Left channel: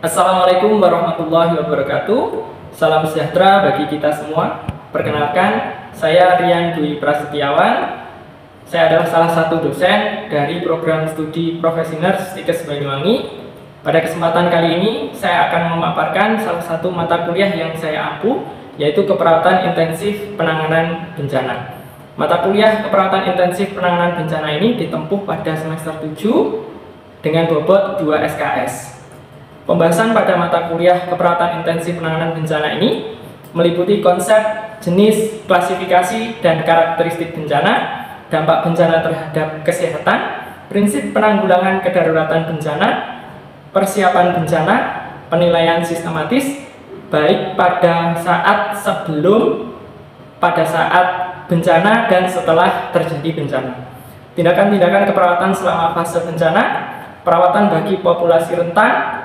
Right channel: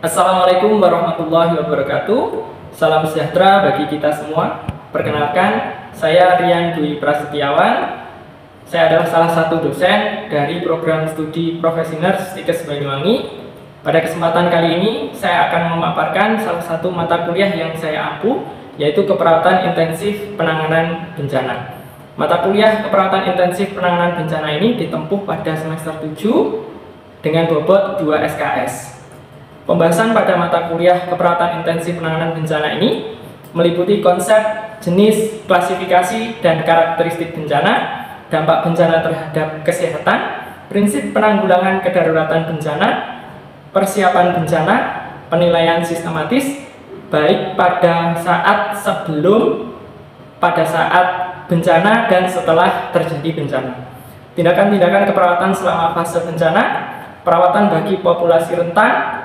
Assalamualaikum warahmatullahi wabarakatuh. Salam sejahtera bagi kita semua. Perkenalkan, saya Rian Dwi Prasetyawan. Saya adalah salah satu dosen dari program studi Profesi Nurse Stikes Banyuwangi. Pada kesempatan kali ini, saya akan memaparkan salah satu mata kuliah yang saya ampu, yaitu Keperawatan Intensif Penanganan Bencana. Mata kuliah Keperawatan Intensif Penanganan Bencana ini ditempuh pada semester 7 dengan bobot 2 SKS. Pembahasan pada mata kuliah Keperawatan Intensif Penanganan Bencana ini meliputi konsep, jenis, klasifikasi, dan karakteristik bencana, dampak bencana terhadap kesehatan, prinsip penanggulangan kedaruratan bencana, persiapan bencana, penilaian sistematis, baik pada saat sebelum, pada saat bencana, dan setelah terjadi bencana. Tindakan-tindakan keperawatan selama fase bencana, perawatan bagi populasi rentan,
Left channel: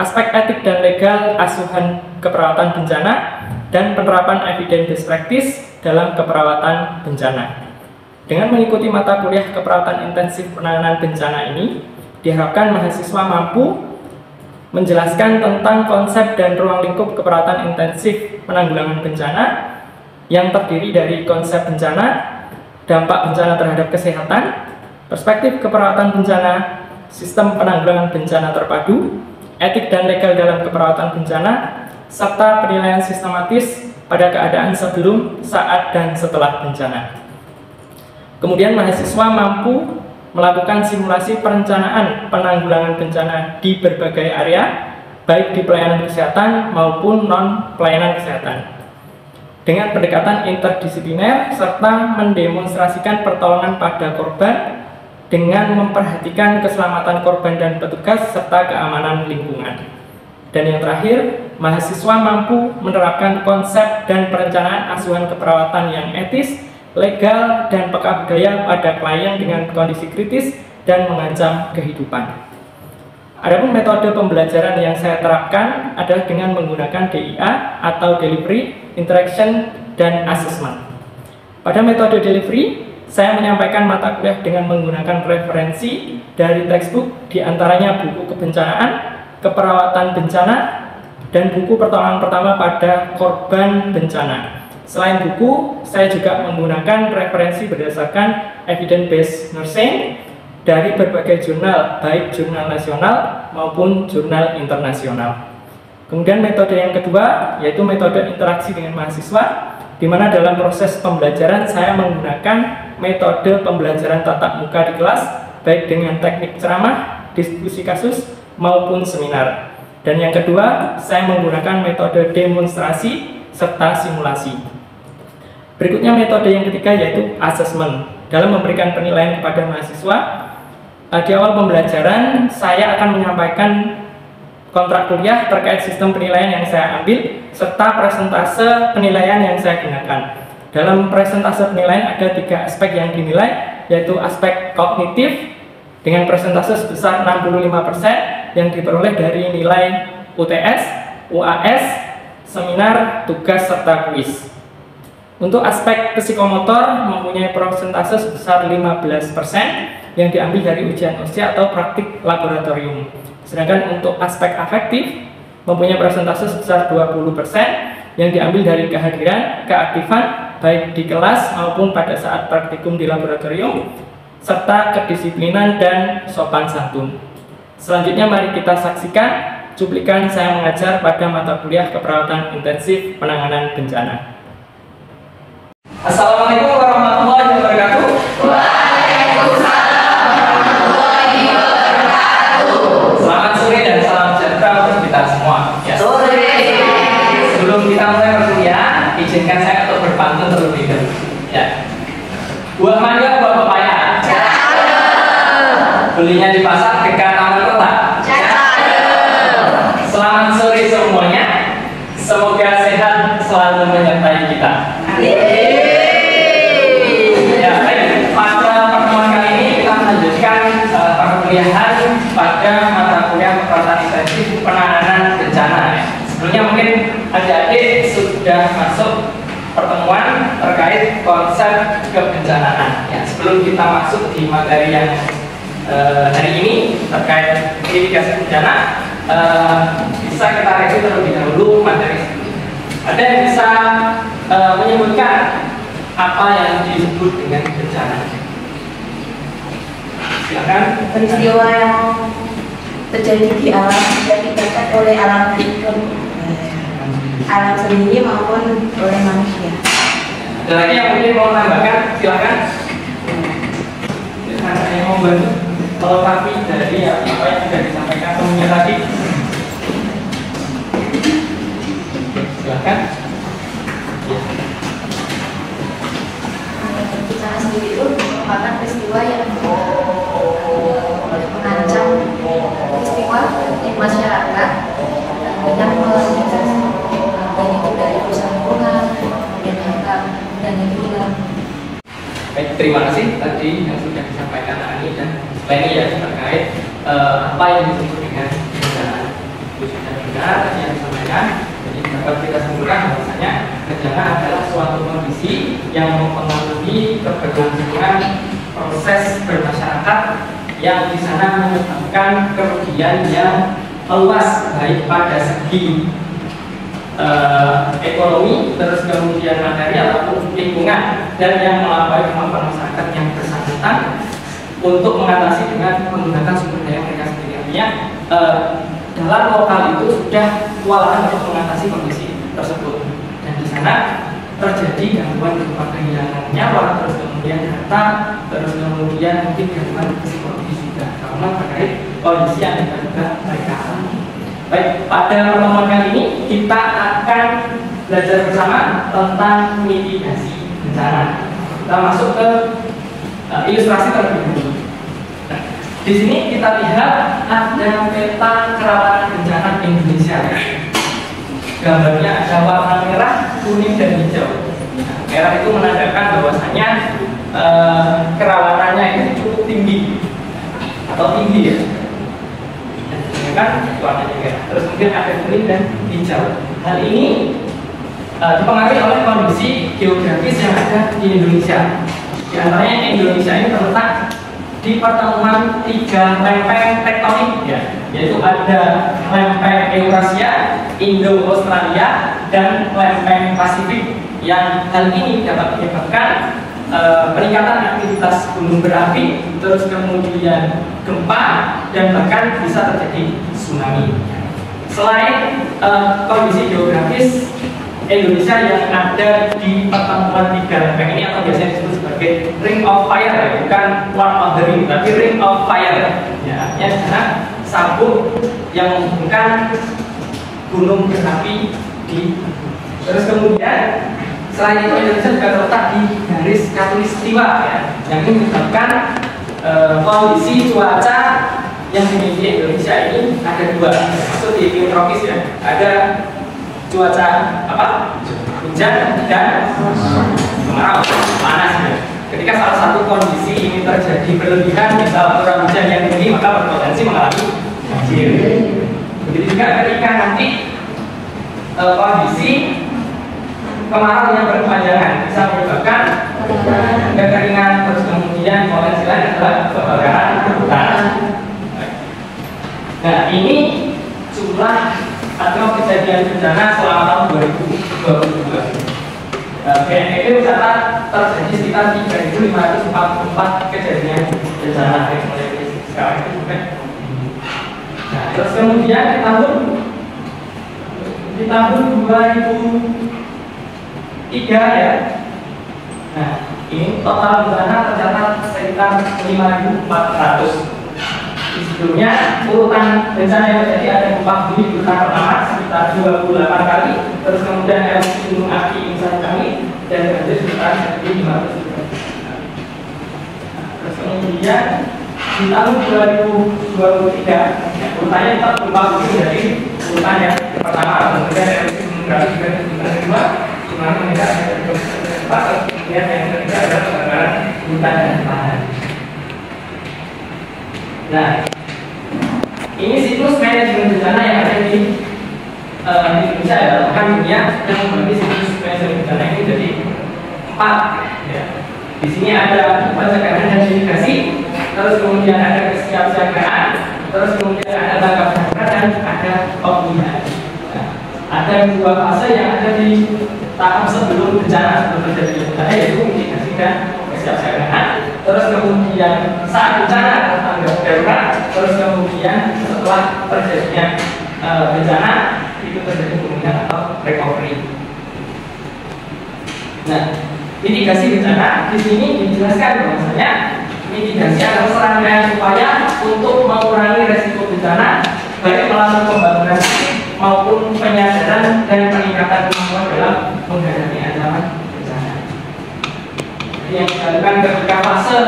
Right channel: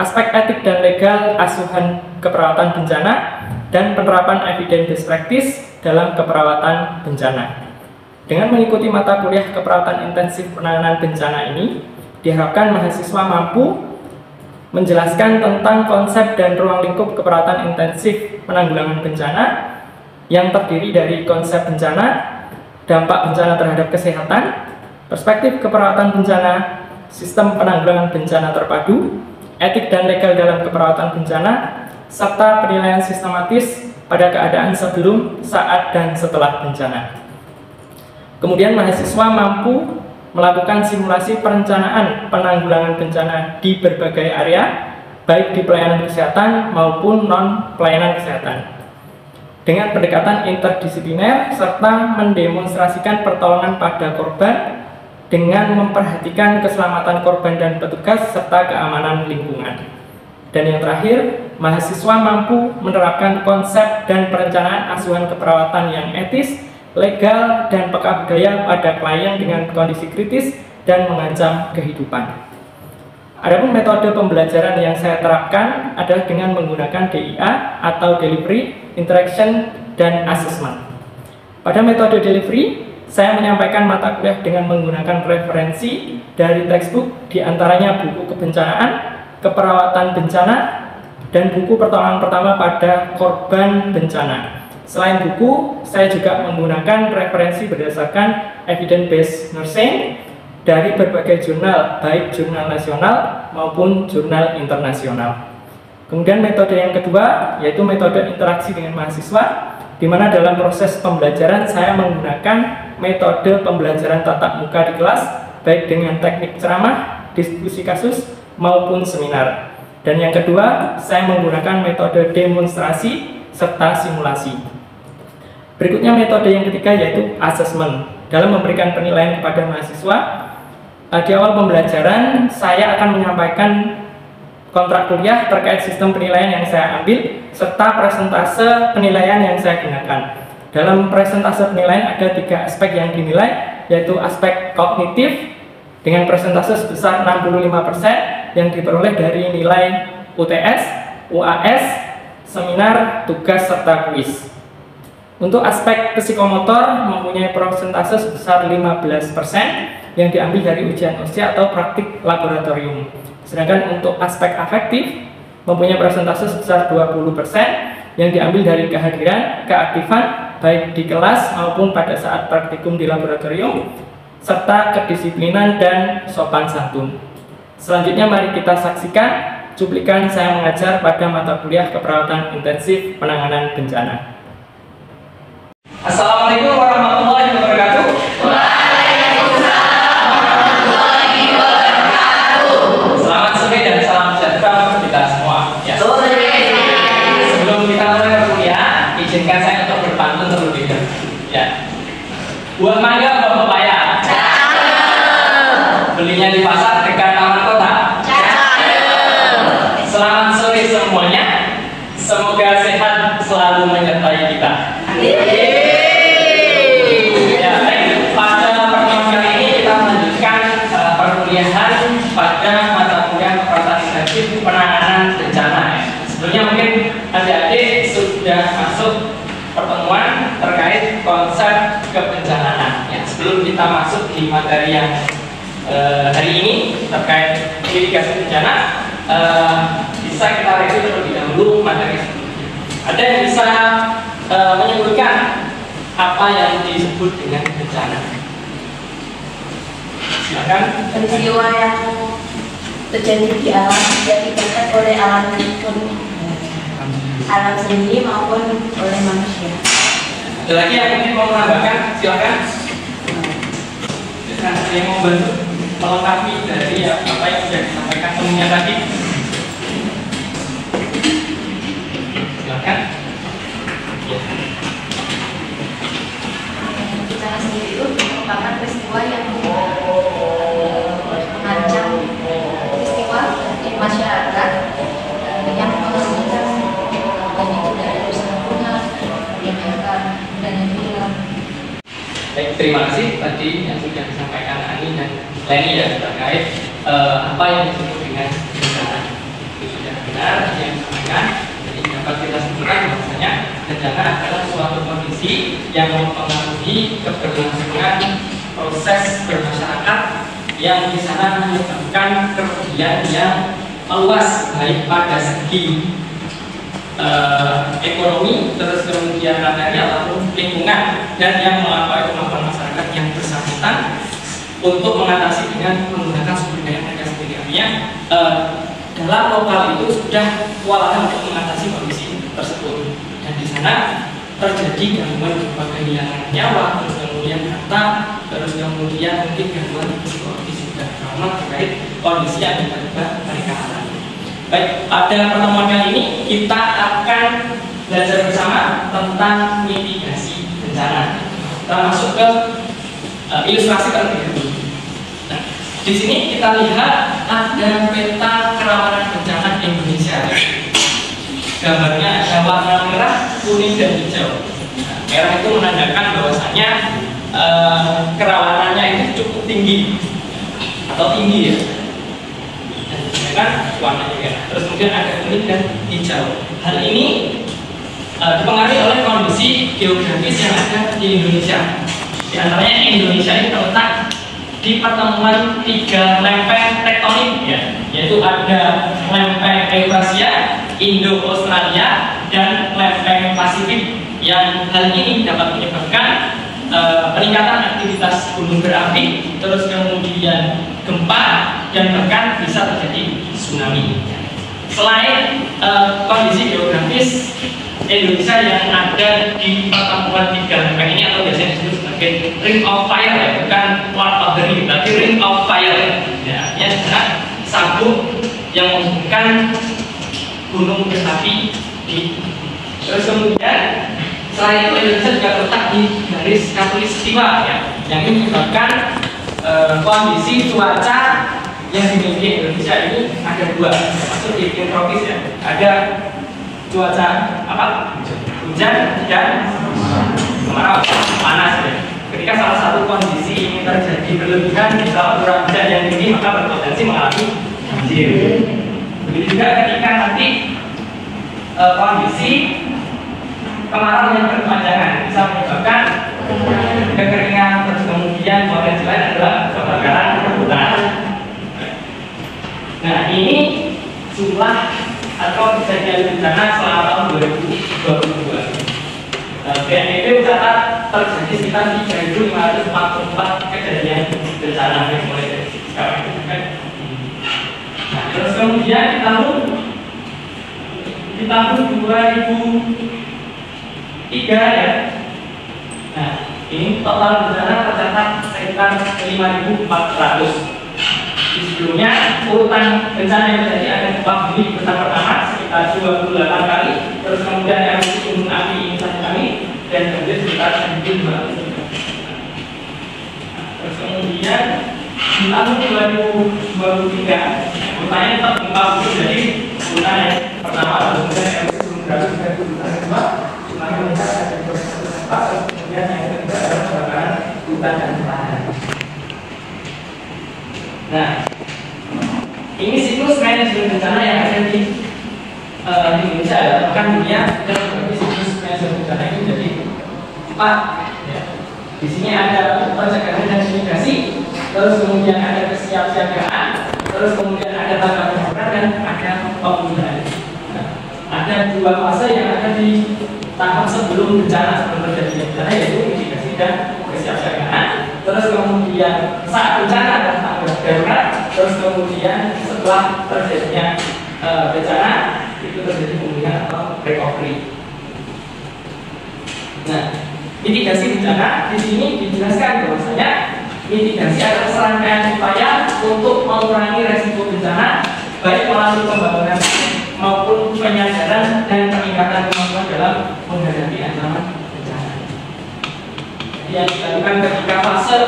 aspek etik dan legal asuhan keperawatan bencana, dan penerapan evidence best practice dalam keperawatan bencana. Dengan mengikuti mata kuliah Keperawatan Intensif Penanganan Bencana ini, diharapkan mahasiswa mampu menjelaskan tentang konsep dan ruang lingkup keperawatan intensif penanggulangan bencana yang terdiri dari konsep bencana, dampak bencana terhadap kesehatan, perspektif keperawatan bencana, sistem penanggulangan bencana terpadu, etik dan legal dalam keperawatan bencana, serta penilaian sistematis pada keadaan sebelum, saat, dan setelah bencana. Kemudian mahasiswa mampu melakukan simulasi perencanaan penanggulangan bencana di berbagai area, baik di pelayanan kesehatan maupun non-pelayanan kesehatan, dengan pendekatan interdisipliner serta mendemonstrasikan pertolongan pada korban dengan memperhatikan keselamatan korban dan petugas serta keamanan lingkungan. Dan yang terakhir, mahasiswa mampu menerapkan konsep dan perencanaan asuhan keperawatan yang etis, legal, dan peka budaya pada klien dengan kondisi kritis dan mengancam kehidupan. Adapun metode pembelajaran yang saya terapkan adalah dengan menggunakan DIA atau Delivery, Interaction, dan Assessment. Pada metode delivery, saya menyampaikan mata kuliah dengan menggunakan referensi dari textbook, diantaranya buku kebencanaan, keperawatan bencana, dan buku pertolongan pertama pada korban bencana. Selain buku, saya juga menggunakan referensi berdasarkan evidence-based nursing dari berbagai jurnal, baik jurnal nasional maupun jurnal internasional. Kemudian metode yang kedua, yaitu metode interaksi dengan mahasiswa, di mana dalam proses pembelajaran saya menggunakan metode pembelajaran tatap muka di kelas, baik dengan teknik ceramah, diskusi kasus, maupun seminar. Dan yang kedua, saya menggunakan metode demonstrasi serta simulasi. Berikutnya metode yang ketiga, yaitu assessment. Dalam memberikan penilaian kepada mahasiswa, di awal pembelajaran saya akan menyampaikan kontrak kuliah terkait sistem penilaian yang saya ambil, serta presentase penilaian yang saya gunakan. Dalam presentase penilaian ada 3 aspek yang dinilai, yaitu aspek kognitif dengan presentase sebesar 65% yang diperoleh dari nilai UTS, UAS, seminar, tugas, serta kuis. Untuk aspek psikomotor mempunyai persentase sebesar 15% yang diambil dari ujian usia atau praktik laboratorium. Sedangkan untuk aspek afektif mempunyai persentase sebesar 20% yang diambil dari kehadiran, keaktifan baik di kelas maupun pada saat praktikum di laboratorium, serta kedisiplinan dan sopan santun. Selanjutnya mari kita saksikan cuplikan saya mengajar pada mata kuliah Keperawatan Intensif Penanganan Bencana. Assalamualaikum warahmatullahi wabarakatuh. Waalaikumsalam warahmatullahi wabarakatuh. Selamat sore dan salam sejahtera untuk kita semua. Ya. Sore. Sebelum kita mulai kuliah, izinkan saya untuk berpantun terlebih dahulu. Ya. Buah mangga, buah pepaya. Belinya di pasar dekat taman kota. Selamat sore semuanya. Semoga sehat selalu menyertai kita. Ya, baik. Pada pertemuan kali ini kita melanjutkan perkuliahan pada mata kuliah Keperawatan Intensif Penanganan Bencana. Sebelumnya mungkin adik-adik sudah masuk pertemuan terkait konsep kebencanaan. Ya, sebelum kita masuk di materi yang hari ini terkait mitigasi bencana. Bisa kita review terlebih dahulu materi. Ada yang bisa menyebutkan apa yang disebut dengan bencana? Silakan. Peristiwa yang terjadi di alam diakibatkan oleh alam sendiri maupun oleh manusia. Ada lagi yang mungkin mau menambahkan? Silakan. Ada yang mau melengkapi dari apa yang sudah disampaikan sebelumnya tadi? Silakan. Bencana sendiri itu merupakan peristiwa yang mengancam peristiwa di masyarakat yang melahirkan itu dari usaha lingkungan, kemudian akan dan hilang. Baik, terima kasih tadi yang sudah disampaikan Ani dan Leni ya terkait apa yang disebut dengan bencana. Itu sudah benar tadi yang disampaikan. Jadi dapat kita simpulkan bahwasanya bencana adalah suatu kondisi yang mempengaruhi keberlangsungan proses bermasyarakat yang di sana menyebabkan kerugian yang meluas baik pada segi ekonomi, terus kemudian material ataupun lingkungan, dan yang melampaui kemampuan masyarakat yang bersangkutan untuk mengatasi dengan menggunakan sumber daya mereka sendiri. Artinya dalam lokal itu sudah kewalahan untuk mengatasi kondisi tersebut, dan di sana terjadi gangguan berupa kehilangan nyawa, terus kemudian harta, terus kemudian mungkin gangguan psikologis juga trauma terkait kondisi yang tiba-tiba mereka alami. Baik, pada pertemuan kali ini kita akan belajar bersama tentang mitigasi bencana. Kita masuk ke ilustrasi terlebih dahulu. Nah, di sini kita lihat ada peta kerawanan bencana Indonesia. Gambarnya ada warna merah, kuning, dan hijau. Merah itu menandakan bahwasanya kerawanannya itu cukup tinggi atau tinggi ya. Kan warnanya merah. Terus kemudian ada kuning dan hijau. Hal ini dipengaruhi oleh kondisi geografis yang ada di Indonesia. Di antaranya Indonesia ini terletak di pertemuan 3 lempeng tektonik ya, yaitu ada lempeng Eurasia, Indo-Australia, dan lempeng Pasifik, yang hal ini dapat menyebabkan peningkatan aktivitas gunung berapi, terus kemudian gempa, dan bahkan bisa terjadi tsunami. Selain kondisi geografis Indonesia yang ada di pertemuan 3 lempeng ini, atau biasanya disebut sebagai ring of fire ya, bukan one of the ring, tapi ring of fire ya, artinya di sana sabuk yang menghubungkan gunung berapi di. Terus kemudian selain itu Indonesia juga terletak di garis khatulistiwa ya, yang menyebabkan kondisi cuaca yang dimiliki Indonesia ini ada 2, termasuk di iklim tropis ya. Ada cuaca apa? Hujan dan kemarau, panas ya. Ketika salah satu kondisi ini terjadi berlebihan, misal curah hujan yang tinggi, maka berpotensi mengalami banjir. Begitu juga ketika nanti kondisi kemarau yang berkepanjangan bisa menyebabkan kekeringan, terus kemudian potensi lain adalah kebakaran hutan. Nah, ini jumlah atau kejadian bencana selama tahun 2022. BNPB mencatat terjadi sekitar 3.544 kejadian bencana yang mulai dari sekarang itu. Nah, terus kemudian di tahun 2003 ya. Nah, ini total bencana tercatat sekitar 5.400. Sebelumnya urutan bencana yang terjadi ada gempa bumi besar pertama sekitar 28 kali, terus kemudian erupsi gunung api ini 1 kali, dan banjir sekitar 1.500. Terus kemudian di tahun 2023 urutannya tetap gempa bumi, jadi urutan yang pertama kemudian erupsi gunung api, dan urutan kedua tsunami meningkat, dan terus kemudian yang ketiga adalah kebakaran hutan dan lahan. Nah, ini siklus manajemen bencana yang ada di Indonesia ya, bahkan dunia, dan berarti siklus manajemen bencana ini jadi 4 ya. Di sini ada pencegahan dan mitigasi, terus kemudian ada kesiapsiagaan, terus kemudian ada tanggap darurat dan ada pemulihan. Nah, ada dua fase yang ada di tahap sebelum bencana, sebelum terjadi bencana, yaitu mitigasi dan kesiapsiagaan. Terus kemudian saat bencana ada tanggap darurat, terus kemudian setelah terjadinya bencana itu terjadi pemulihan atau recovery. Nah, mitigasi bencana di sini dijelaskan bahwasanya mitigasi adalah serangkaian upaya untuk mengurangi resiko bencana, baik melalui pembangunan maupun penyadaran dan peningkatan kemampuan dalam menghadapi ancaman bencana. Jadi yang dilakukan ketika fase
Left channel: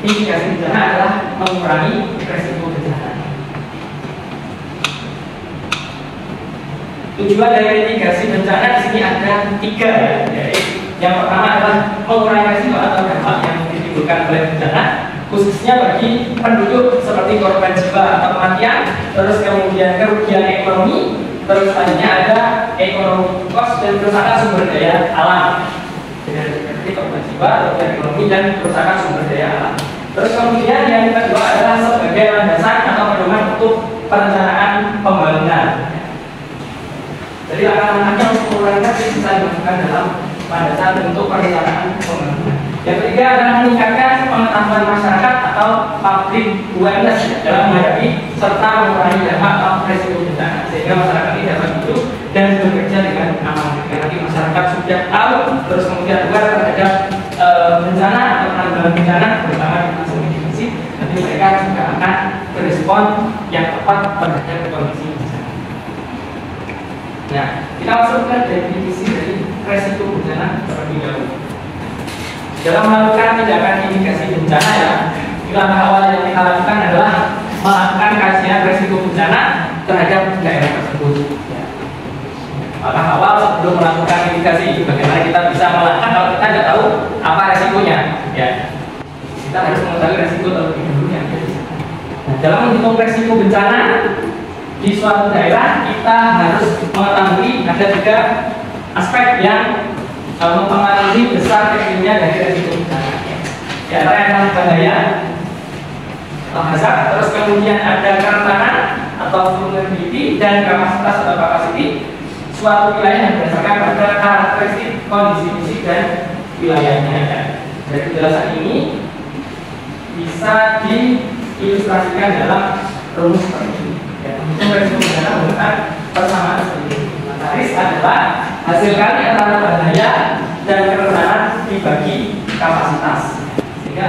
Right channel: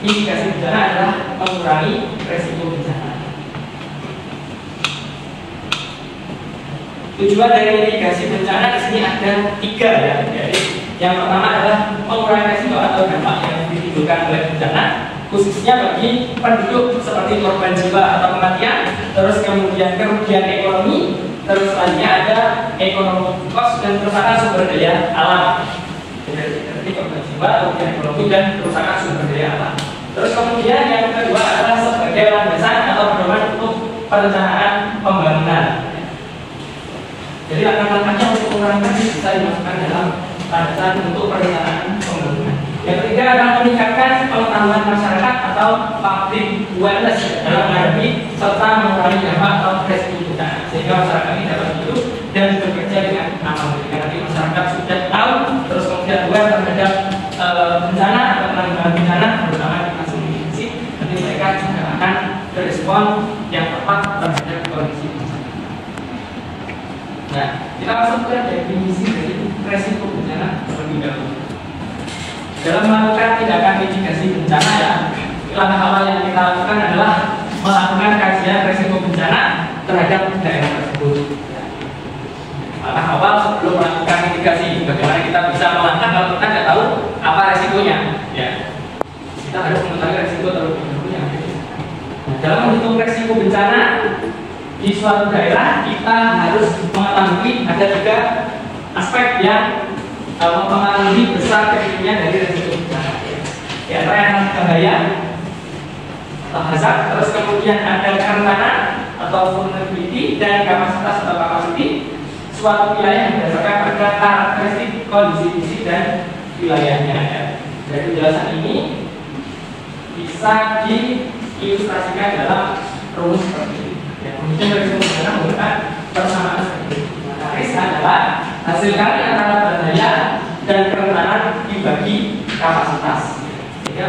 mitigasi bencana adalah mengurangi resiko bencana. Tujuan dari mitigasi bencana di sini ada 3 ya. Jadi yang pertama adalah mengurangi resiko atau dampak yang ditimbulkan oleh bencana, khususnya bagi penduduk seperti korban jiwa atau kematian, terus kemudian kerugian ekonomi, terus selanjutnya ada ekonomi kos dan kerusakan sumber daya alam. Jadi korban jiwa, kerugian ekonomi dan kerusakan sumber daya alam. Terus kemudian yang kedua adalah sebagai landasan atau pedoman untuk perencanaan pembangunan. Jadi langkah-langkahnya untuk mengurangi bisa dilakukan dalam landasan untuk perencanaan pembangunan. Yang ketiga adalah meningkatkan pengetahuan masyarakat atau public awareness dalam menghadapi serta mengurangi dampak atau resiko bencana, sehingga masyarakat ini dapat hidup dan bekerja dengan aman. Jika nanti masyarakat sudah tahu, terus kemudian aware terhadap bencana atau penanggulangan bencana, terutama di fase mitigasi, nanti mereka juga akan berespon yang tepat terhadap kondisi bencana. Nah, kita masuk ke definisi dari resiko bencana terlebih dahulu. Dalam melakukan tindakan mitigasi bencana ya, langkah awal yang kita lakukan adalah melakukan kajian resiko bencana terhadap daerah tersebut. Ya. Langkah awal sebelum melakukan mitigasi, bagaimana kita bisa melangkah kalau kita tidak tahu apa resikonya. Ya. Kita harus mengetahui resiko terlebih dahulu yang ada di sana. Nah, dalam menghitung resiko bencana di suatu daerah, kita harus mengetahui ada 3 aspek yang mempengaruhi besar kecilnya dari resiko bencana. Di antara yang bahaya atau hazard, terus kemudian ada kerentanan atau vulnerability dan kapasitas atau capacity suatu wilayah yang berdasarkan pada karakteristik kondisi fisik dan wilayahnya. Dari penjelasan ini bisa diilustrasikan dalam rumus seperti ini. Mungkin resiko bencana menggunakan persamaan seperti ini. Risk adalah hasil kali antara bahaya dan kerentanan dibagi kapasitas. Sehingga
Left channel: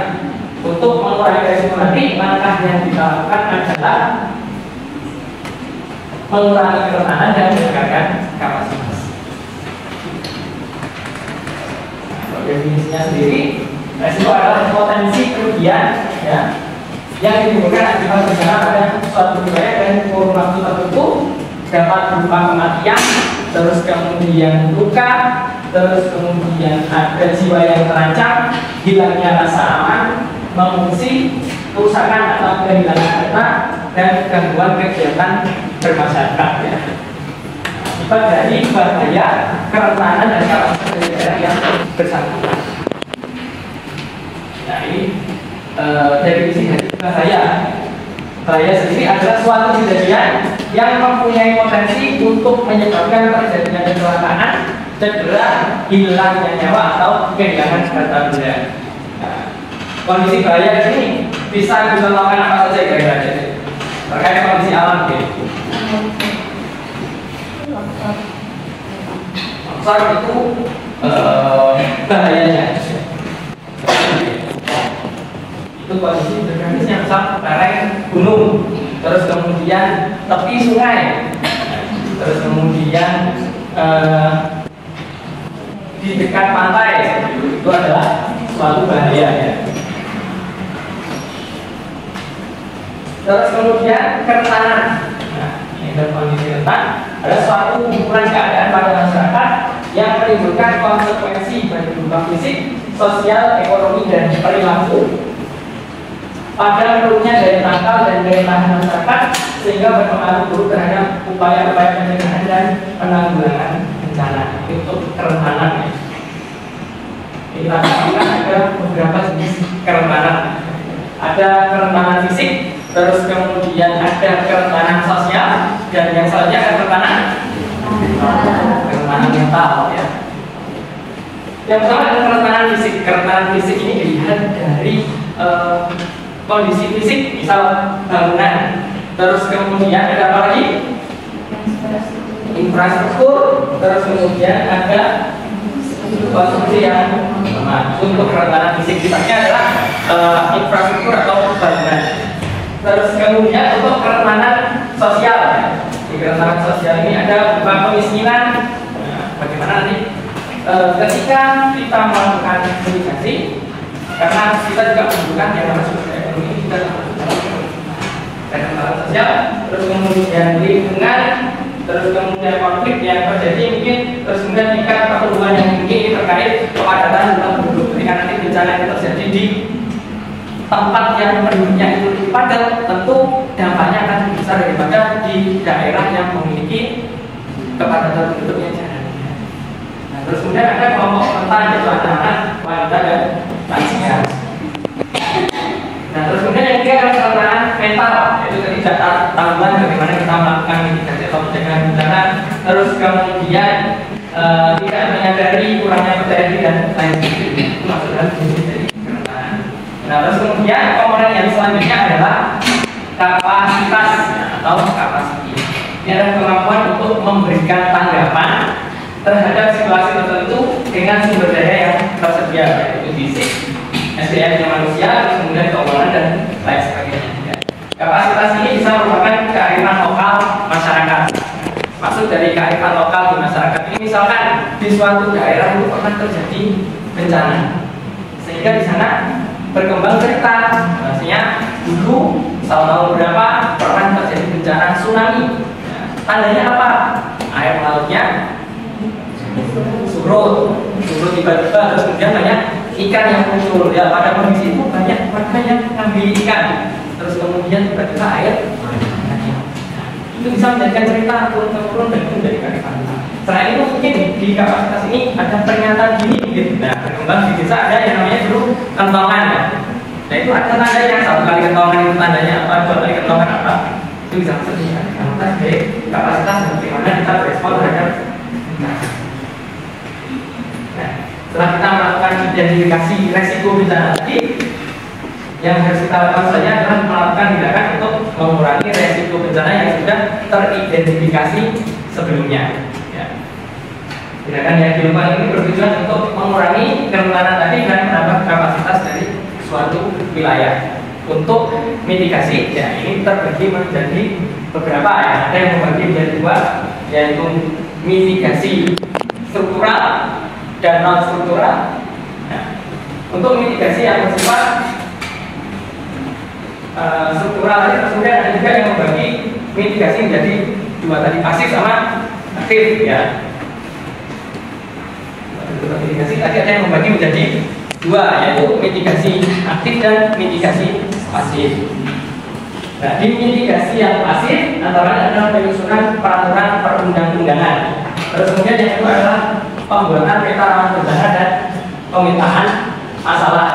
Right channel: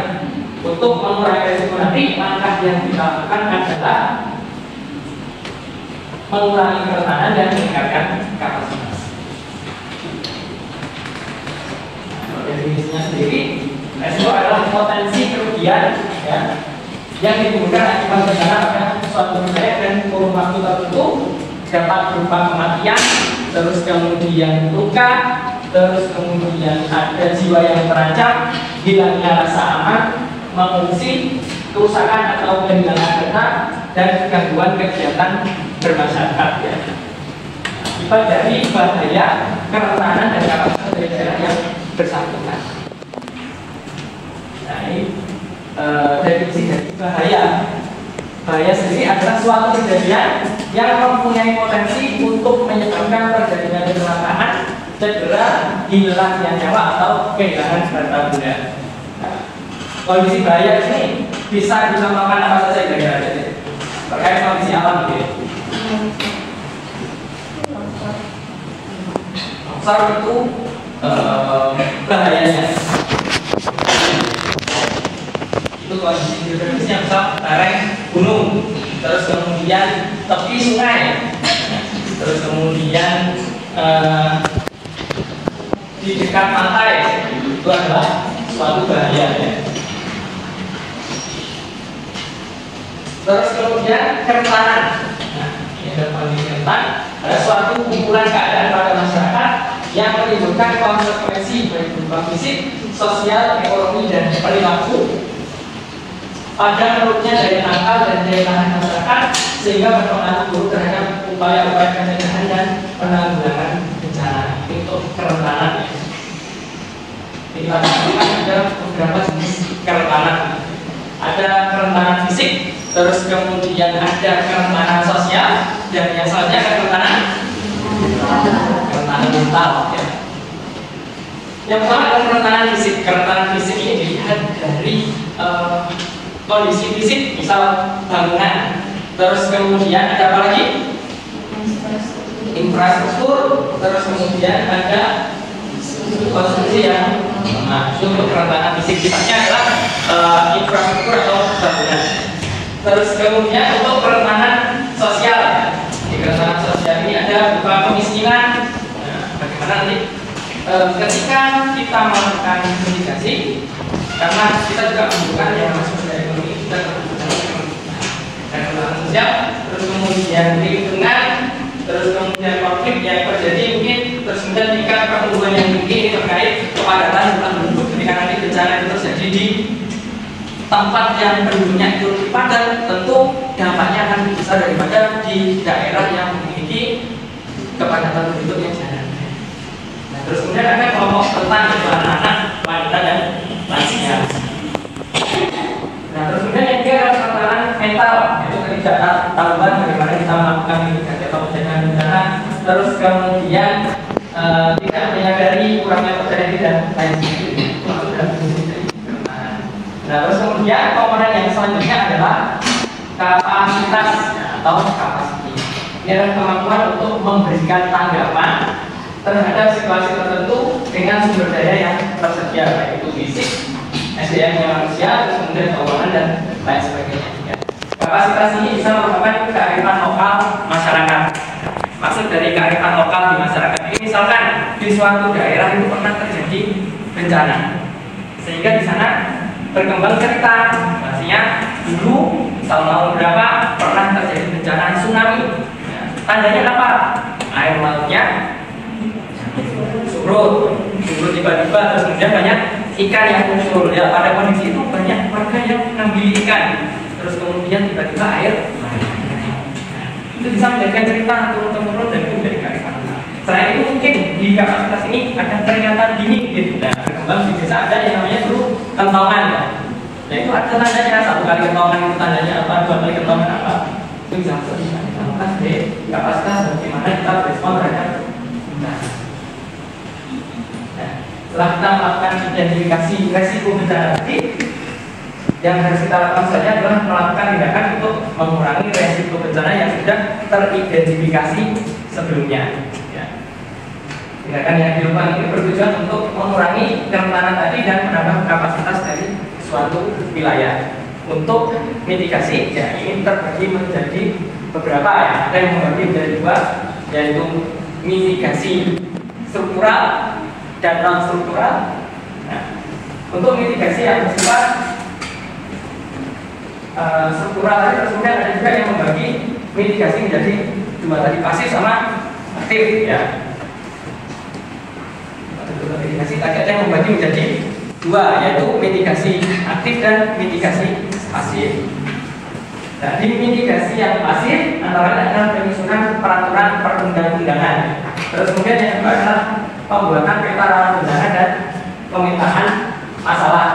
untuk mengurangi resiko nanti, langkah yang kita lakukan adalah mengurangi kerentanan dan meningkatkan kapasitas. Nah, definisinya sendiri, resiko adalah potensi kerugian ya, yang ditimbulkan akibat bencana pada suatu wilayah dan kurun waktu tertentu, dapat berupa kematian, terus kemudian luka, terus kemudian ada jiwa yang terancam, hilangnya rasa aman, mengungsi, kerusakan atau kehilangan data, dan gangguan kegiatan bermasyarakat ya. Akibat dari bahaya, kerentanan dan kapasitas dari daerah yang bersangkutan. Nah ini definisi dari bahaya. Bahaya sendiri adalah suatu kejadian yang mempunyai potensi untuk menyebabkan terjadinya kecelakaan, cedera, hilangnya nyawa atau kehilangan harta benda. Nah, kondisi bahaya ini bisa dicontohkan apa saja kira-kira terkait kondisi alam gitu. Longsor itu bahayanya. Itu kondisi geografis yang besar, lereng gunung, terus kemudian tepi sungai, terus kemudian di dekat pantai, itu adalah suatu bahaya ya. Terus kemudian kerentanan. Nah, ini adalah kondisi rentan, ada suatu kumpulan keadaan pada masyarakat yang menimbulkan konsekuensi baik berupa fisik, sosial, ekonomi, dan perilaku pada menurunnya daya tangkal dan daya tahan masyarakat, sehingga berpengaruh buruk terhadap upaya-upaya pencegahan dan penanggulangan bencana. Itu untuk kerentanan ya. Kita lakukan adalah beberapa jenis kerentanan. ada kerentanan fisik, terus kemudian ada kerentanan sosial, dan yang selanjutnya ada kerentanan mental ya. Yang pertama ada kerentanan fisik. Kerentanan fisik ini dilihat dari kondisi fisik, misal bangunan. Terus kemudian ada apa lagi? Infrastruktur. Terus kemudian ada konsumsi yang untuk kerentanan fisik sifatnya adalah infrastruktur atau bangunan. Terus kemudian untuk kerentanan sosial ya. Di kerentanan sosial ini ada berupa kemiskinan. Nah, bagaimana nanti ketika kita melakukan mitigasi, karena kita juga membutuhkan yang namanya sosial ekonomi dan kerentanan sosial, terus kemudian lingkungan, terus kemudian konflik yang terjadi mungkin, terus kemudian tingkat pertumbuhan yang tinggi ini terkait kepadatan jumlah penduduk. Ketika nanti bencana itu terjadi di tempat yang penduduknya itu lebih padat, tentu dampaknya akan besar daripada di daerah yang memiliki kepadatan penduduk yang jarang. Nah, terus kemudian ada kelompok rentan yaitu anak-anak, wanita dan lansia. Nah, terus kemudian yang ketiga adalah kerentanan mental, yaitu ketidaktahuan bagaimana kita melakukan mitigasi atau pencegahan bencana. Terus kemudian tidak menyadari kurangnya pencarian dan lain sebagainya. Itu masuk dalam definisi dari kerentanan. Nah, terus kemudian komponen yang selanjutnya adalah kapasitas atau kapasiti. Ini adalah kemampuan untuk memberikan tanggapan terhadap situasi tertentu dengan sumber daya yang tersedia, yaitu fisik, SDM manusia, kemudian keuangan dan lain sebagainya. Ya. Kapasitas ini bisa merupakan kearifan lokal masyarakat. Maksud dari kearifan lokal di masyarakat ini, misalkan di suatu daerah itu pernah terjadi bencana, sehingga di sana berkembang cerita, maksudnya dulu tahun-tahun berapa pernah terjadi bencana tsunami. Ya. Tandanya apa? Air lautnya surut tiba-tiba, terus kemudian banyak ikan yang muncul. Ya, pada kondisi itu banyak warga yang mengambil ikan, terus kemudian tiba-tiba air lagi. Itu bisa menjadikan cerita turun-temurun dan itu dari kearifan. Selain itu mungkin di kapasitas ini ada peringatan dini gitu. Nah, berkembang di desa ada yang namanya dulu kentongan. Nah, itu ada tandanya, satu kali kentongan itu tandanya apa, dua kali kentongan apa, itu bisa disebutkan. Nah, dari kapasitas bagaimana kita berespon terhadap. Setelah kita melakukan identifikasi resiko bencana tadi, yang harus kita lakukan saja adalah melakukan tindakan untuk mengurangi resiko bencana yang sudah teridentifikasi sebelumnya. Ya. Tindakan yang dilakukan ini bertujuan untuk mengurangi kerentanan tadi dan menambah kapasitas dari suatu wilayah. Untuk mitigasi, ya ini terbagi menjadi beberapa ya. Ada yang membagi menjadi dua, yaitu mitigasi struktural dan non struktural. Nah, untuk mitigasi yang bersifat struktural tadi, kemudian ada juga yang membagi mitigasi menjadi dua tadi, pasif sama aktif ya. Untuk mitigasi tadi ada yang membagi menjadi dua, yaitu mitigasi aktif dan mitigasi pasif. Nah, di mitigasi yang pasif antara lain adalah penyusunan peraturan perundang-undangan. Terus kemudian yang kedua adalah pembuatan peta bencana dan pemetaan masalah.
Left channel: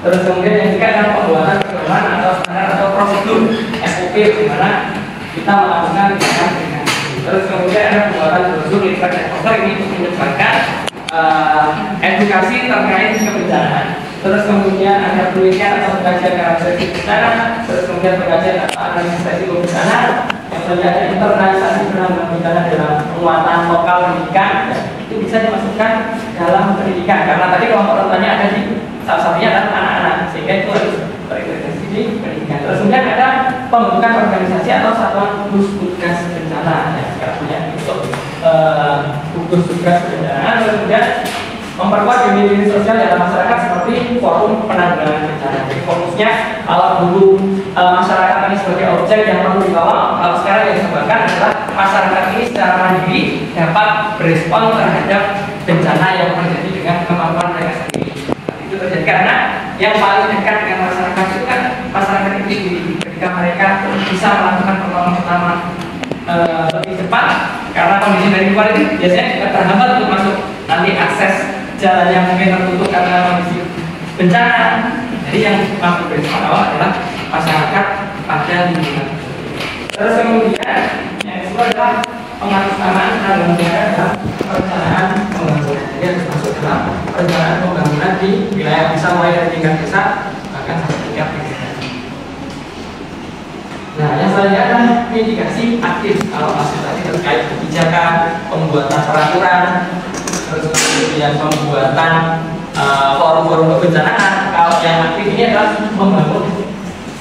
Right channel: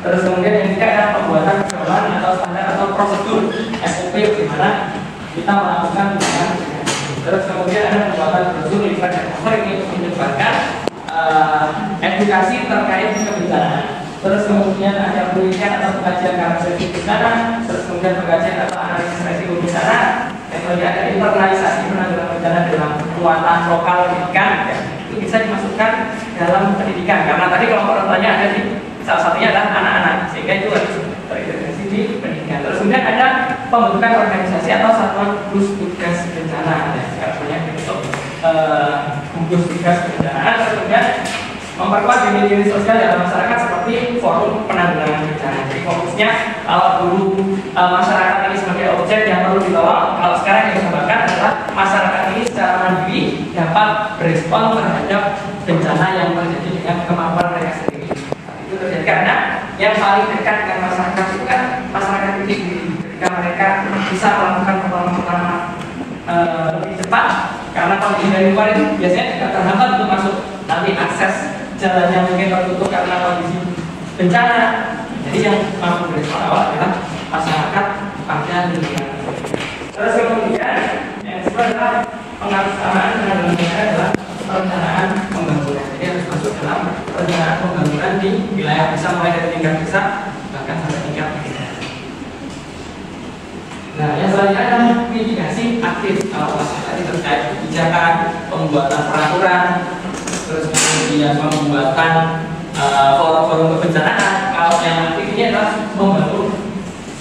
Terus kemudian yang ketiga adalah pembuatan pedoman atau standar atau prosedur SOP di mana kita melakukan tindakan mitigasi. Terus kemudian ada pembuatan brosur literasi dan cover ini menyebarkan edukasi terkait kebencanaan. Terus kemudian ada penelitian atau pengkajian karakteristik bencana. Terus kemudian pengkajian atau analisis resiko bencana. Yang selanjutnya ada internalisasi penanggulangan bencana dalam penguatan lokal pendidikan. Itu bisa dimasukkan dalam pendidikan karena tadi kelompok rentannya ada di salah satunya adalah anak-anak, sehingga itu harus terintegrasi di pendidikan. Terus kemudian ada pembentukan organisasi atau satuan gugus tugas bencana. Sekarang punya untuk gugus tugas bencana. Terus kemudian memperkuat unit-unit sosial dalam masyarakat seperti forum penanggulangan bencana. Jadi fokusnya kalau dulu masyarakat ini sebagai objek yang perlu ditolong, kalau sekarang yang disebutkan adalah masyarakat ini secara mandiri dapat berespon terhadap bencana yang terjadi dengan kemampuan mereka sendiri. Itu terjadi karena yang paling dekat dengan masyarakat itu kan masyarakat itu sendiri. Ketika mereka bisa melakukan pertolongan lebih cepat, karena kondisi dari luar itu biasanya juga terhambat untuk masuk, nanti akses jalan yang mungkin tertutup karena kondisi bencana. Jadi yang mampu berespon awal adalah masyarakat pada lingkungan. Terus kemudian yang kedua adalah pengalaman dan kemudian adalah perencanaan pembangunan. Jadi harus masuk dalam perencanaan pembangunan di wilayah, bisa mulai dari tingkat desa bahkan sampai tingkat daerah. Nah, yang selanjutnya adalah mitigasi aktif. Kalau masuk tadi terkait kebijakan, pembuatan peraturan, terus kemudian pembuatan forum-forum kebencanaan. Kalau yang aktif ini adalah membangun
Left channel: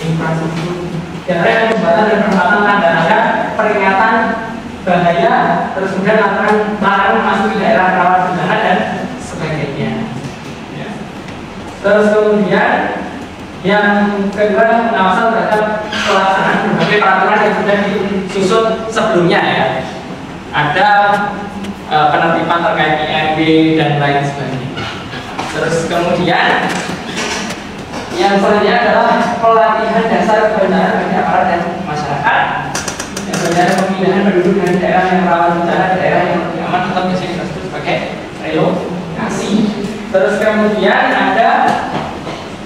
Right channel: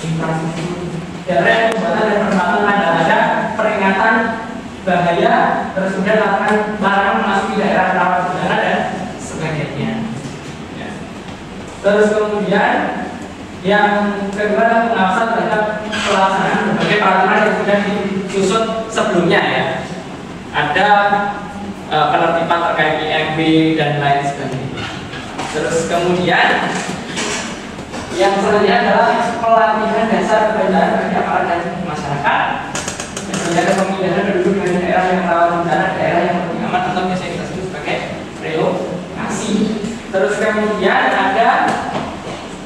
infrastruktur daerah, pembuatan dan penempatan tanda-tanda peringatan bahaya, terus kemudian lakukan larangan memasuki daerah rawan bencana dan sebagainya. Ya. Terus kemudian yang kedua adalah pengawasan terhadap pelaksanaan berbagai peraturan yang sudah disusun sebelumnya ya. Ada penertiban terkait IMB dan lain sebagainya. Terus kemudian yang selanjutnya adalah pelatihan dasar kebencanaan bagi aparat dan masyarakat. Yang selanjutnya ada pemilihan penduduk dari daerah yang rawan bencana, daerah yang lebih aman, atau biasanya kita sebut sebagai relokasi. Terus kemudian ada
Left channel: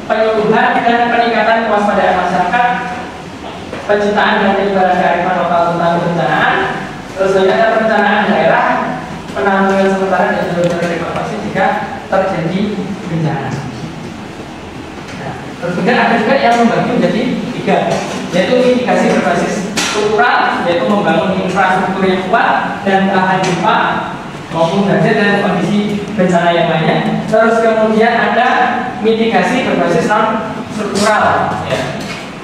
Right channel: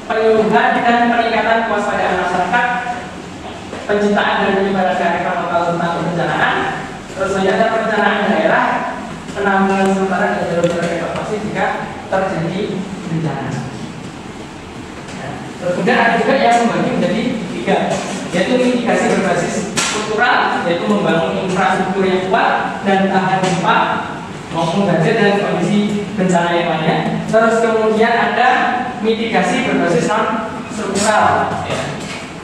penyuluhan dan peningkatan kewaspadaan masyarakat, penciptaan dan penyebaran kearifan lokal tentang kebencanaan. Terus selanjutnya ada perencanaan daerah, penanggulangan sementara dan jalur evakuasi jika terjadi bencana. Terus kemudian ada juga yang membagi menjadi 3, yaitu mitigasi berbasis struktural, yaitu membangun infrastruktur yang kuat dan tahan gempa maupun ganja dan kondisi bencana yang lainnya. Terus kemudian ada mitigasi berbasis non struktural, ya.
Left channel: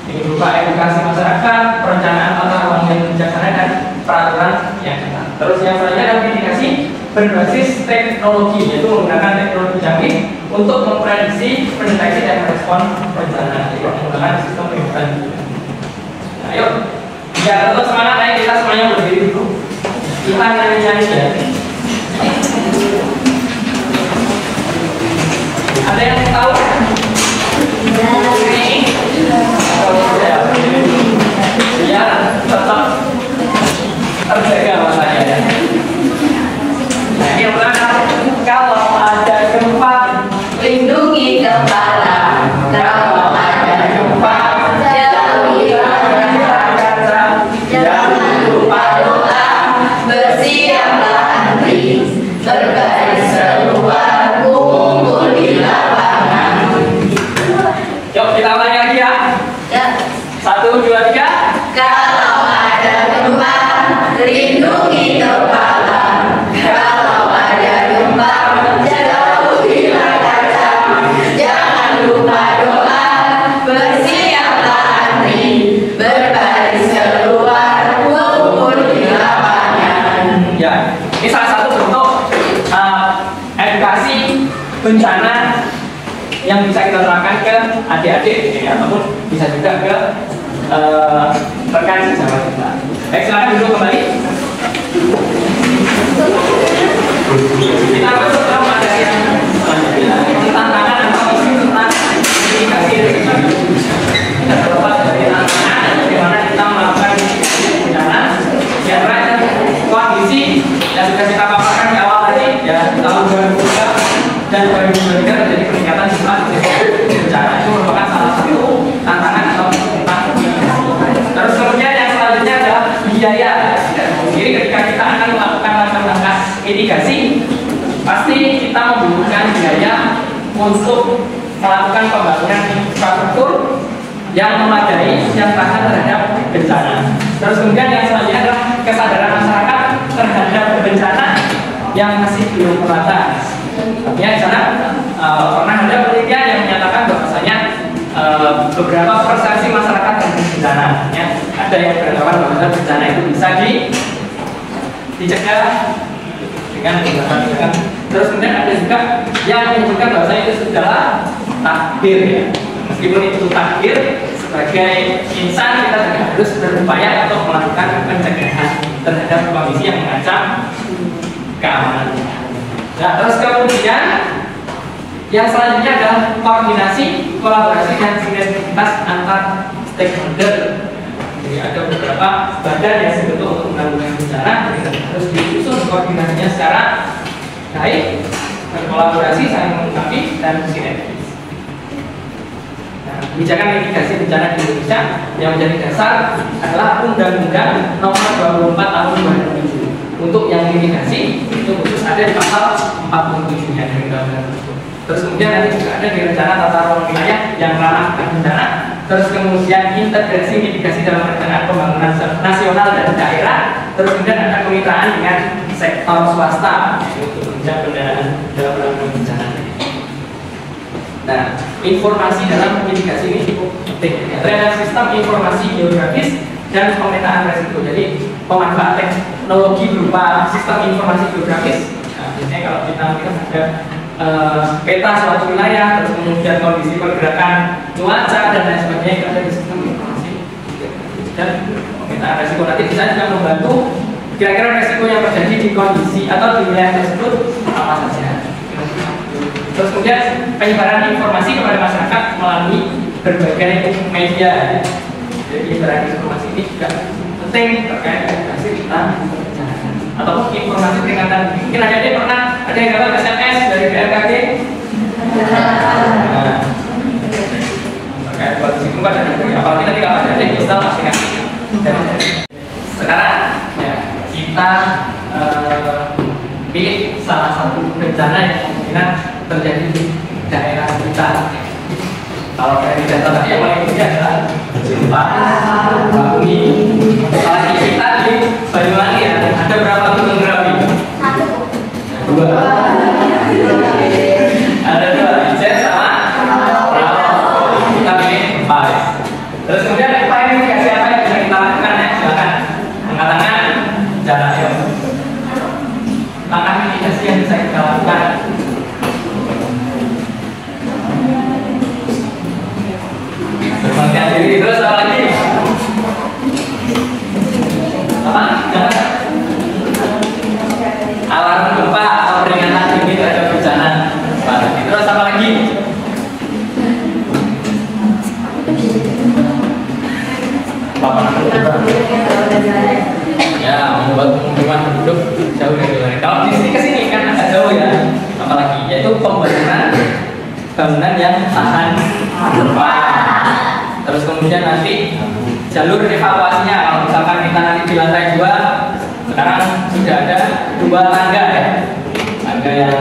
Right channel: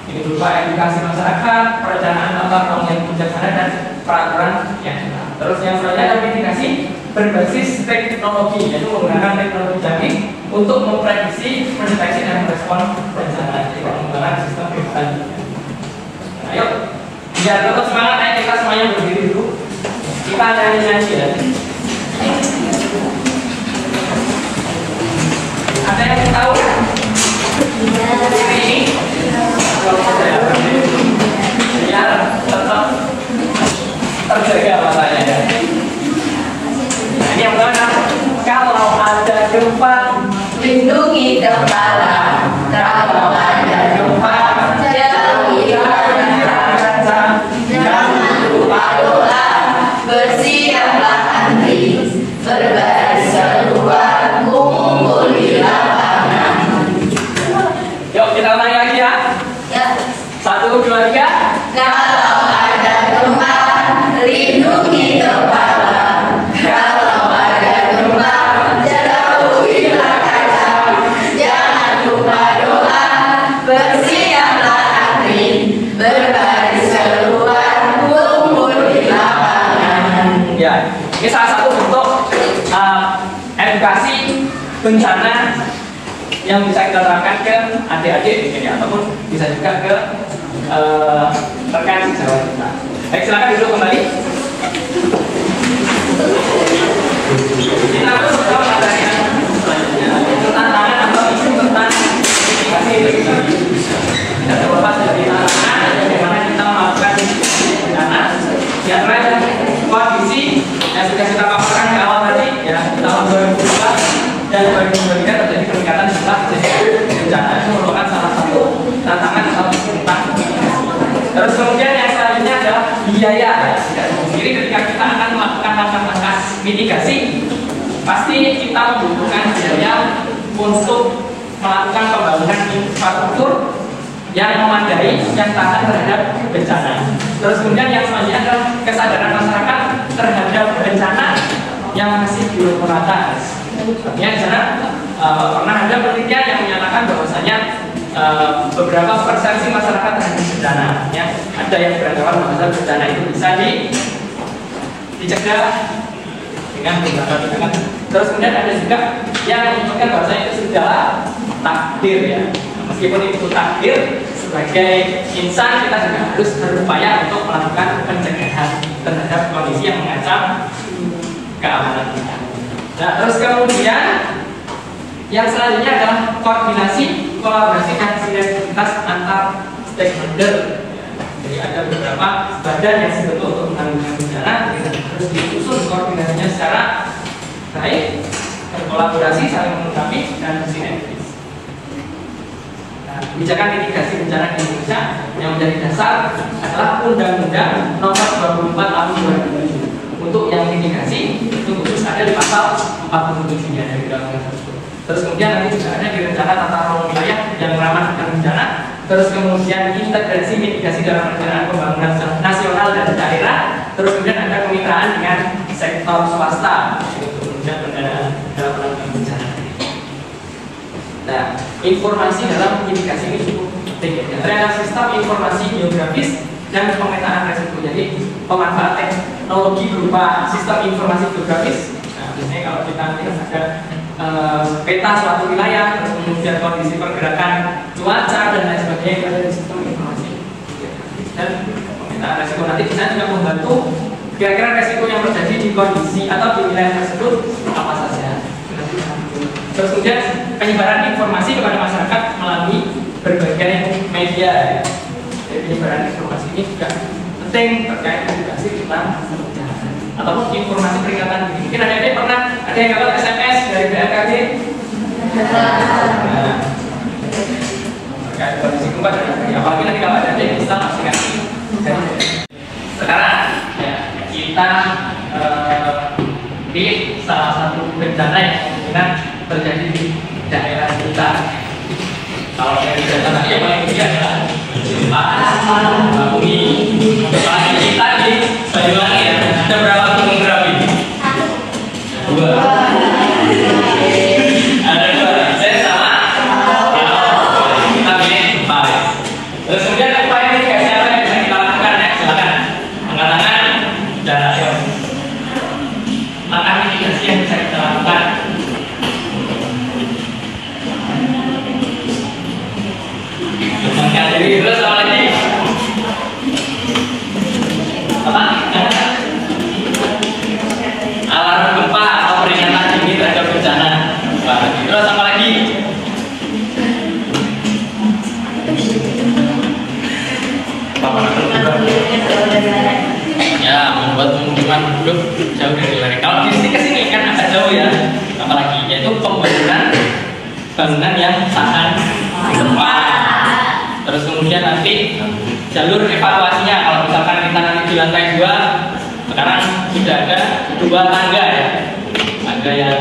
Ini berupa edukasi masyarakat, perencanaan tata ruang yang bijaksana dan peraturan yang jelas. Terus yang selanjutnya ada mitigasi berbasis teknologi, yaitu menggunakan teknologi canggih untuk memprediksi, mendeteksi dan merespon bencana, yaitu menggunakan sistem kehidupan. Nah, yuk, biar terus semangat, ayo kita semuanya berdiri dulu. Kita nyanyi-nyanyi ya. Ada yang mau tahu? Ini biar tetap terjaga matanya ya. Nah, ini yang pertama, kalau ada gempa Lindungi kepala. Kalau ada gempa, jauhi kaca. Jangan lupa doa. Bersiaplah antri. Berbaris seruan. Kumpul di lapangan. Yuk kita ulangi lagi ya. Ya. 1, 2, 3. Kalau ada gempa, lindungi kepala. Kalau ada gempa, jauhilah kaca. Jangan lupa doa. Bersiaplah antri. Berbaris keluar. Kumpul di lapangan. Ya, ini salah satu bentuk edukasi bencana yang bisa kita terapkan ke adik-adik ya, ataupun bisa juga ke rekan sejawat kita. Baik, silakan duduk kembali. Kita masuk ke materi yang selanjutnya, tantangan atau isu tentang mitigasi risiko. Kita terlepas dari tantangan bagaimana kita melakukan mitigasi bencana. Yang lain kondisi yang sudah kita paparkan di awal tadi ya, di tahun 2002 dan 2023 terjadi peningkatan jumlah kejadian bencana. Itu merupakan salah satu tantangan atau tentang mitigasi. Terus kemudian yang selanjutnya adalah biaya. Jadi ketika kita akan melakukan langkah-langkah mitigasi, pasti kita membutuhkan biaya untuk melakukan pembangunan infrastruktur yang memadai, yang tahan terhadap bencana. Terus kemudian yang selanjutnya adalah kesadaran masyarakat terhadap bencana yang masih belum merata. Artinya di sana pernah ada penelitian yang menyatakan bahwasanya beberapa persepsi masyarakat terhadap bencana, ya, ada yang beranggapan bahwa bencana itu bisa dicegah dengan tindakan-tindakan. Terus kemudian ada juga yang menyebutkan bahwasanya itu adalah takdir ya. Meskipun itu takdir, sebagai insan kita juga harus berupaya untuk melakukan pencegahan terhadap kondisi yang mengancam keamanan kita. Nah, terus kemudian yang selanjutnya adalah koordinasi, kolaborasi dan sinergitas antar stakeholder. Jadi ada beberapa badan yang sebetulnya untuk menanggulangi bencana, jadi harus disusun koordinasinya secara baik, berkolaborasi, saling melengkapi dan sinergis. kebijakan mitigasi bencana di Indonesia yang menjadi dasar adalah Undang-Undang Nomor 24 Tahun 2007. Untuk yang mitigasi itu khusus ada di pasal 47 ya dari undang-undang tersebut. Terus kemudian nanti juga ada di rencana tata ruang wilayah yang ramah bencana. Terus kemudian integrasi mitigasi dalam perencanaan pembangunan nasional dan daerah. Terus kemudian ada kemitraan dengan sektor swasta, yaitu kemudian pendanaan dalam penanggulangan bencana. Nah, informasi dalam mitigasi ini cukup penting. Terhadap sistem informasi geografis dan pemetaan resiko. Jadi pemanfaat teknologi berupa sistem informasi geografis. Nah, biasanya kalau kita lihat ada peta suatu wilayah, terus kemudian kondisi pergerakan cuaca dan lain sebagainya, itu ada di sistem informasi dan pemetaan resiko. Nanti bisa juga membantu kira-kira resiko yang terjadi di kondisi atau di wilayah tersebut apa saja. Terus kemudian penyebaran informasi kepada masyarakat melalui berbagai media. Jadi penyebaran informasi ini juga penting terkait edukasi tentang bencana ataupun informasi peringatan. Mungkin ada pernah ada yang dapat SMS dari BMKG terkait kondisi gempa dan apalagi nanti kalau ada yang bisa pasti ngasih. Sekarang ya, kita pilih salah satu bencana yang kemungkinan terjadi di daerah kita. Kalau dari data tadi yang paling tinggi adalah gempa bumi. Kalau kita di Banyuwangi ya, ada berapa gunung berapi? Dua. Ada dua. Saya sama. Kita pilih gempa. Terus kemudian upaya mitigasi apa yang bisa kita lakukan ya? Silakan. Angkat tangan dan ayo. Langkah mitigasi yang bisa kita lakukan. Berbahagia diri terus apa lagi? Apa? Jangan. Alarm gempa atau peringatan dini terhadap bencana. Terus apa lagi? Ya, membuat pengumuman penduduk jauh dari wilayah. Kalau di sini kesini kan agak jauh ya. Apalagi yaitu bangunan yang tahan gempa. Terus kemudian nanti jalur evakuasinya. Kalau misalkan kita nanti di lantai 2, sekarang sudah ada 2 tangga ya. Ada yang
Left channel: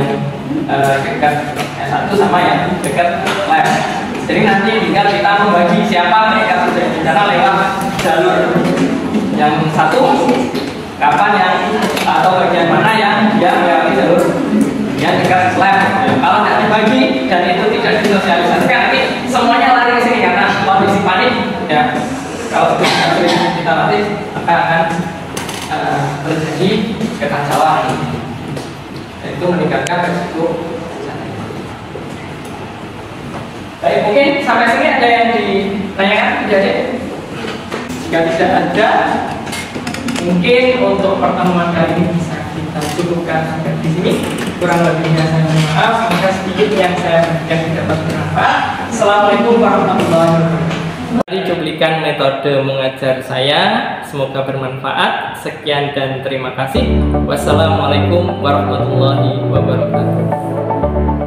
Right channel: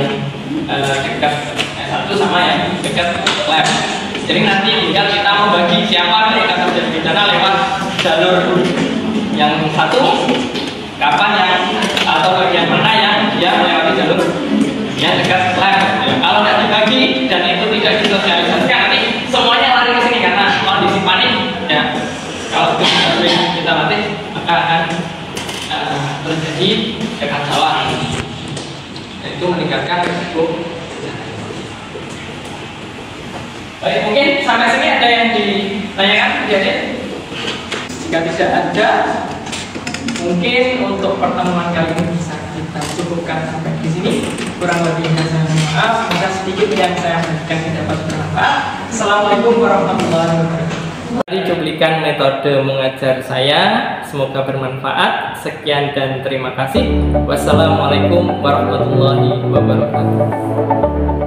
dekat S1 sama yang dekat lab. Jadi nanti tinggal kita membagi siapa mereka terjadi bencana lewat jalur yang satu, kapan yang atau bagian mana yang dia melewati jalur yang dekat lab. Ya, kalau tidak dibagi dan itu tidak disosialisasikan, nanti semuanya lari ke sini karena kondisi panik. Ya, kalau kita latih maka akan terjadi kekacauan. Itu meningkatkan risiko. Baik, mungkin sampai sini ada yang ditanyakan jadi jika tidak ada, mungkin untuk pertemuan kali ini bisa kita cukupkan sampai di sini. Kurang lebihnya saya mohon maaf. Semoga sedikit yang saya berikan dapat bermanfaat. Assalamualaikum warahmatullahi wabarakatuh. Tadi cuplikan metode mengajar saya, semoga bermanfaat. Sekian dan terima kasih. Wassalamualaikum warahmatullahi wabarakatuh.